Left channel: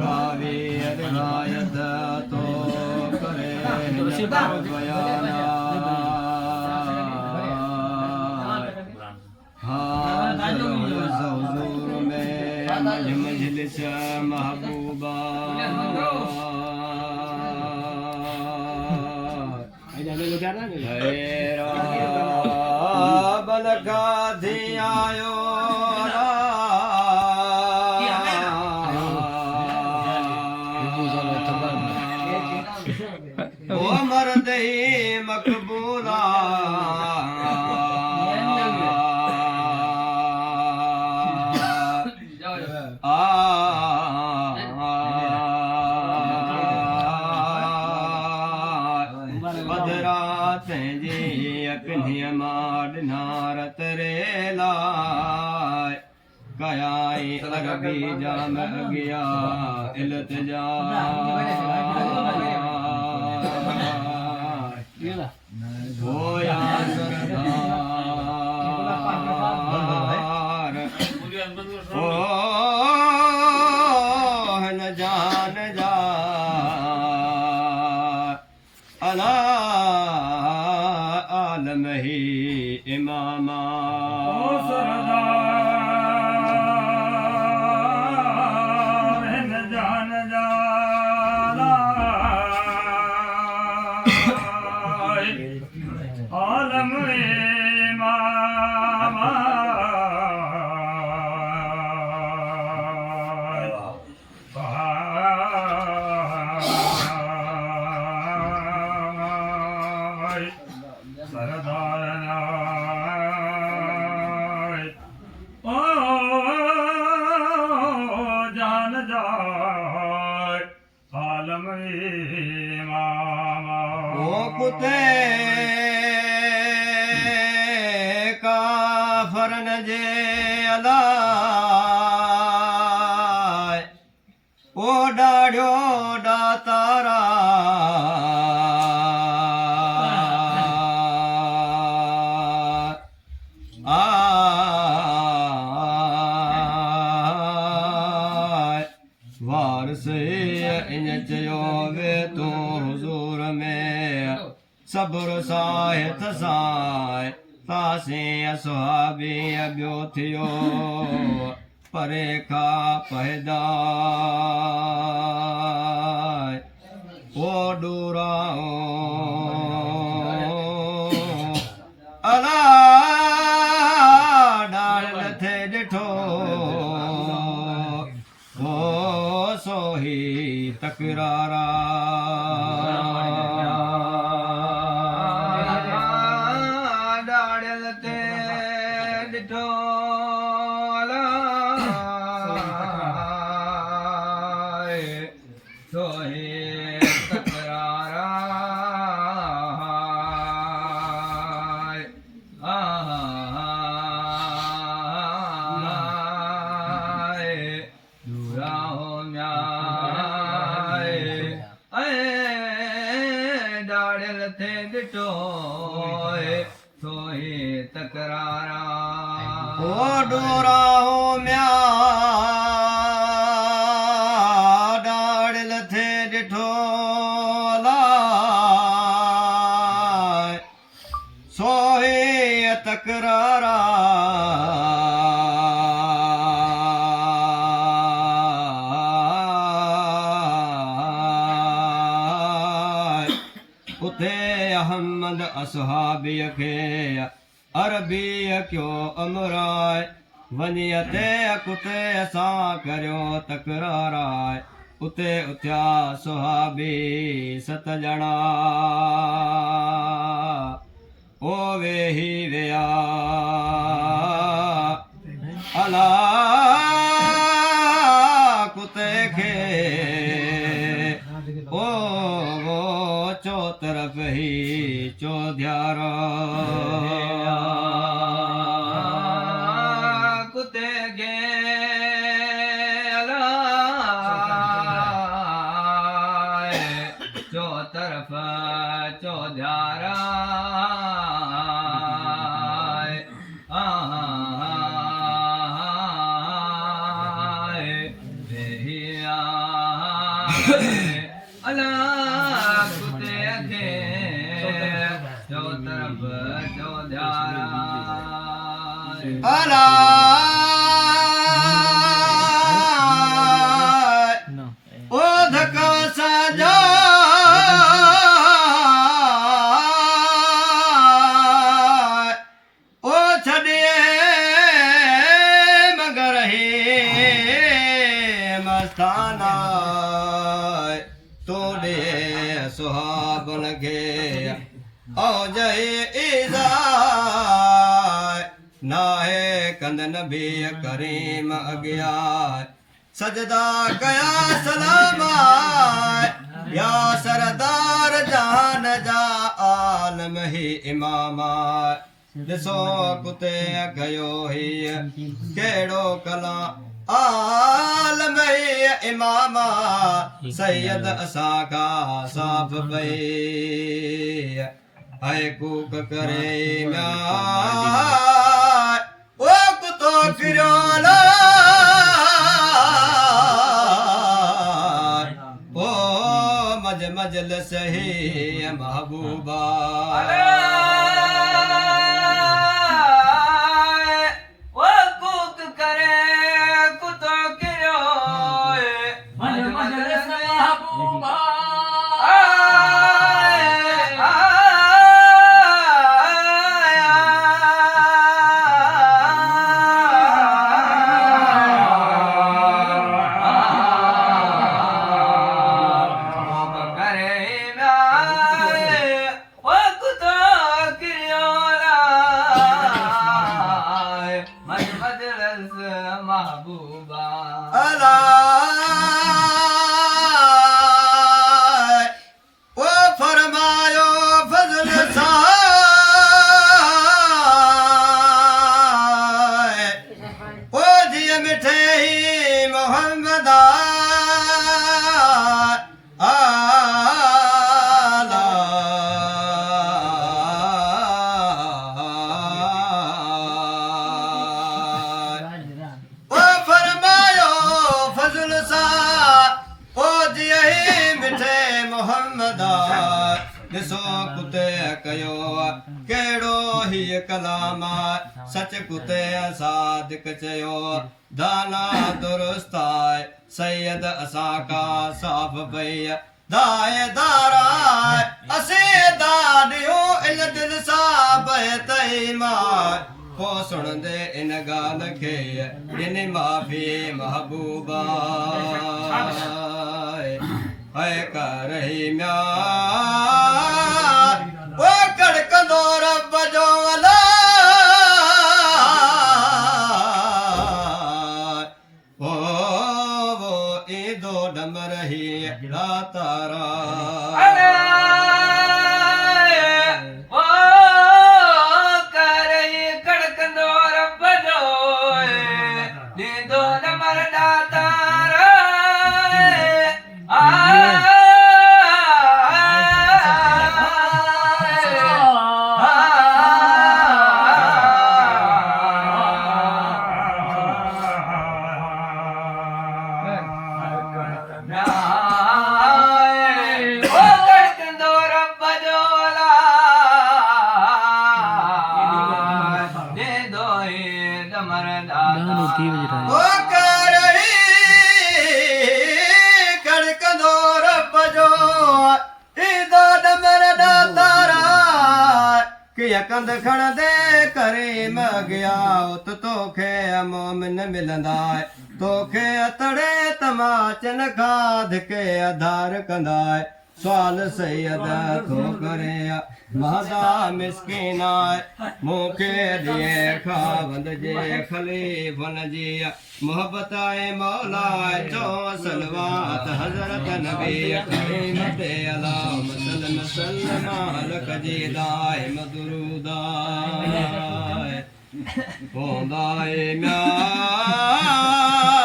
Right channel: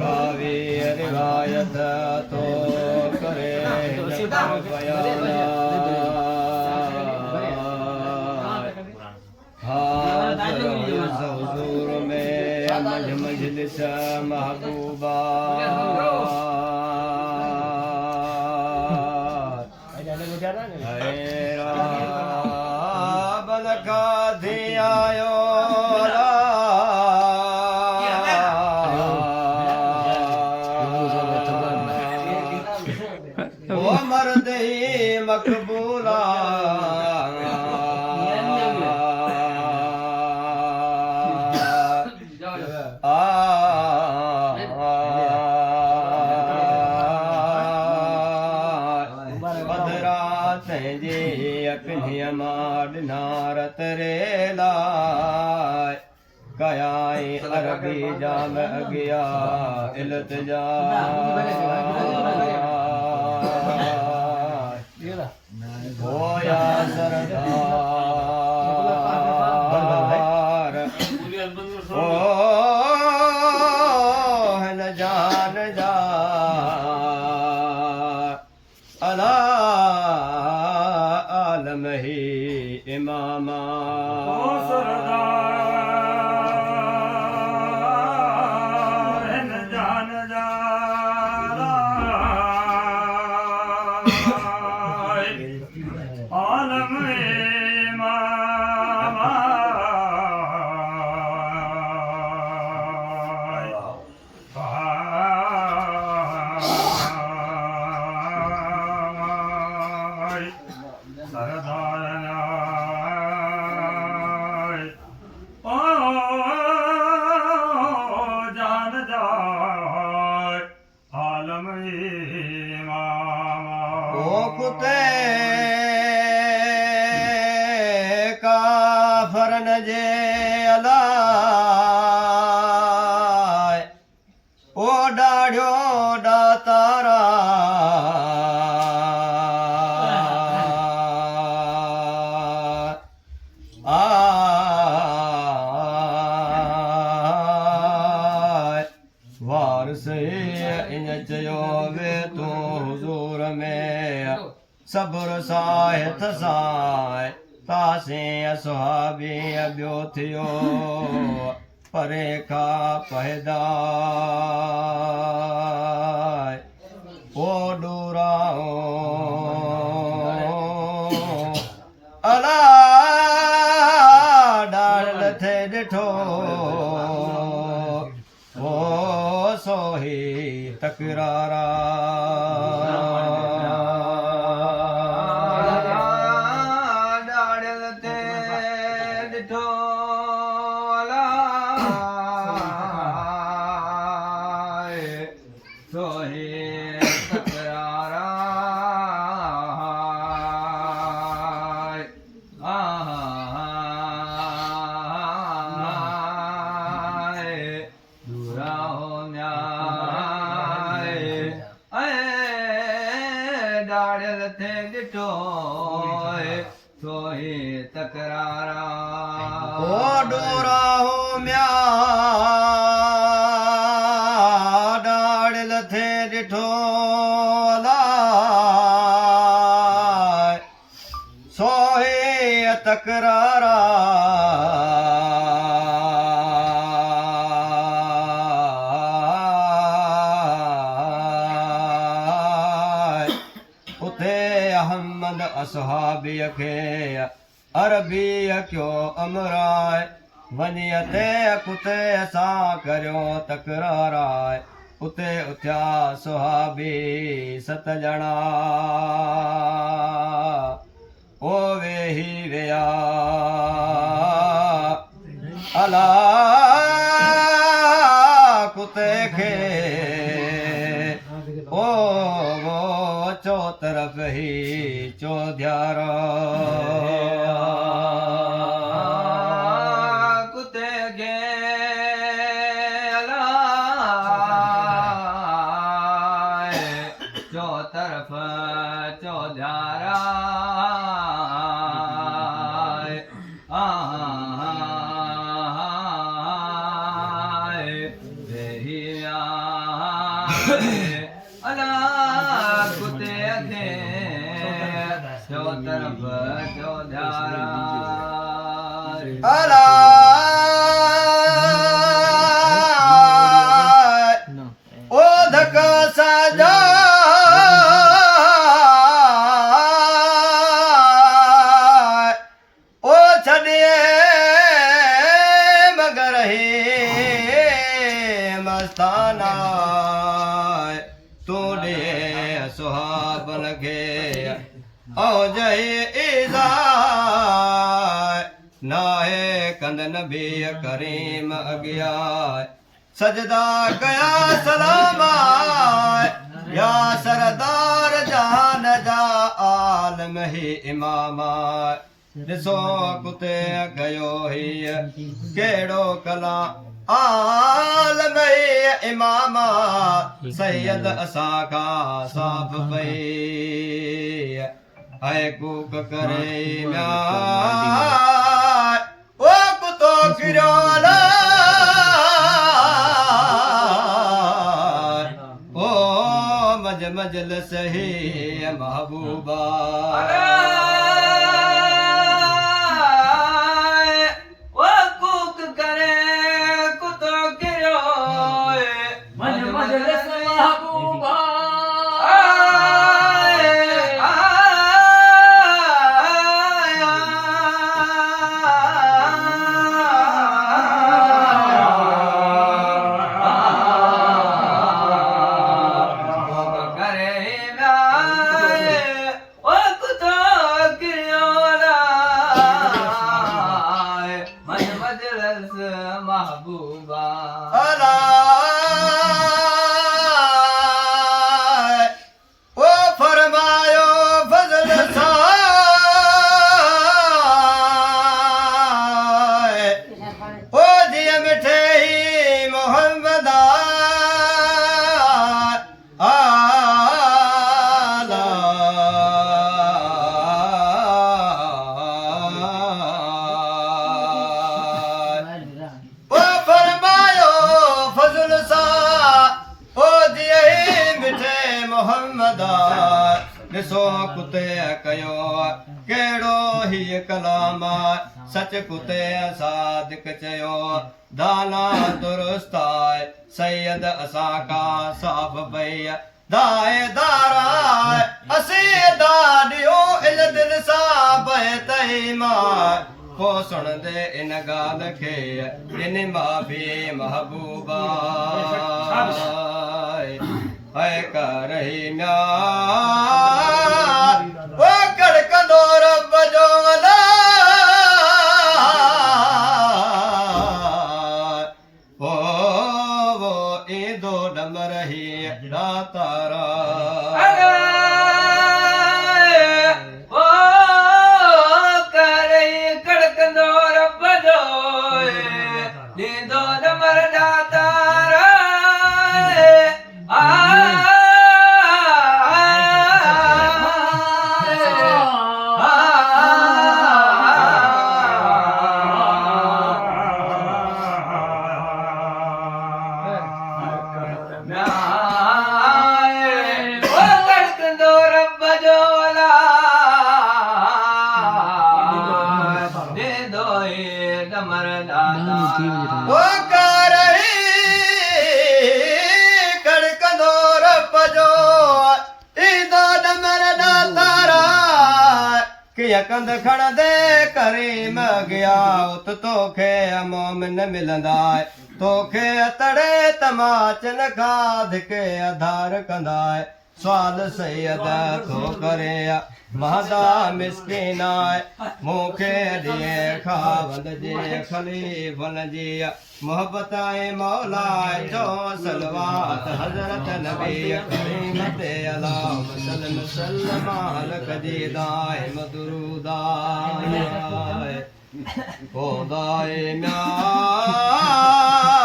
रावी रिवायत तो करे बयाना हाजिर हुजूर में मजलिस महबूबा बलका थी आयो वो मर्द ही मकबूला नारत रे लाए कयाई अरबी जाम गया इल्तिजा होया सरदार ओ न जान जा अला आलम ही इमामा जान जा आलम इमामा कुते काफरन जे अलाए ओ डाढ़ियो डातारा वारस इन चयो वे तू हुजूर में सब्र साहित साए तासे असहाबी अबियो थियो परे खा पहदाए ओ डूराओ अला डाल थे डिठो ओ सोही तकरारा डाढ़ियल थे ॾिठो सोही तकरारा ओ डोरा हो म्या डाढ़ियल थे ॾिठो लाए सोही तकरारा अहमद असहाबीअ खे अरबीअ कयो अमराए वञी ते कुते सां करियो तकराराए उते उथिया सुहाबी 7 ॼणा ओ वेही विया अला कुते खे ओ चो तरफ ही चौधियारा कुते गे चो तरफ चौधियारा अला कुते खे चो तरफ चो ध्यारा अला ओ धका साजा ओ छड़िए मगर ही मस्ताना तूने सुहाबन के ओ जय इज़ाय नाहे कंद नबी करीम अगिया सजदा कया सलामा या सरदार जान जा आलम ही इमामा ॾिसो कुते कयो ही कहिड़ो कला आलम ही इमामा सैयद असां खां साफ़ पई है कूक करे म्यार ओ कुतो किरियो ओ मजलिस ही महबूबा महबूबा अला ओ फरमायो फजल सा ओ जिय मिठे ही मोहम्मदा ॾिसो कुते कयो कहिड़ो ही कलाम सच कुते सादिक चयो दाना दुरुस्त आहे सैयद असां खां साफ़ पई दाए दारा असीं दाॾियो इन दिल सां बहे तई मां पोइ सुणंदे इन ॻाल्हि खे इन माफ़ी महबूबा है कर ही म्यार ओ कड़कंदो रब जो अला ओ वो ईंदो डमर ही तारा ओ कर ही कड़कंदो रब जो ईंदो डमर तारा कंद खण दे करीम गया उत तोखे मोमिन मिलंदा तोखे तड़े तमाचन खां धिके आधार कंदा सवाल सैयद थो करे महदा मिसकीन मूंखे ॾिए खावंद जे खलीफ़न जी मोहब्बत मौला चो सलवात हज़रत नबी करीम ते अल्लाहुम्मा सल्लि वसल्लम अलक जी दाइम दुरूदा होंदा म्यार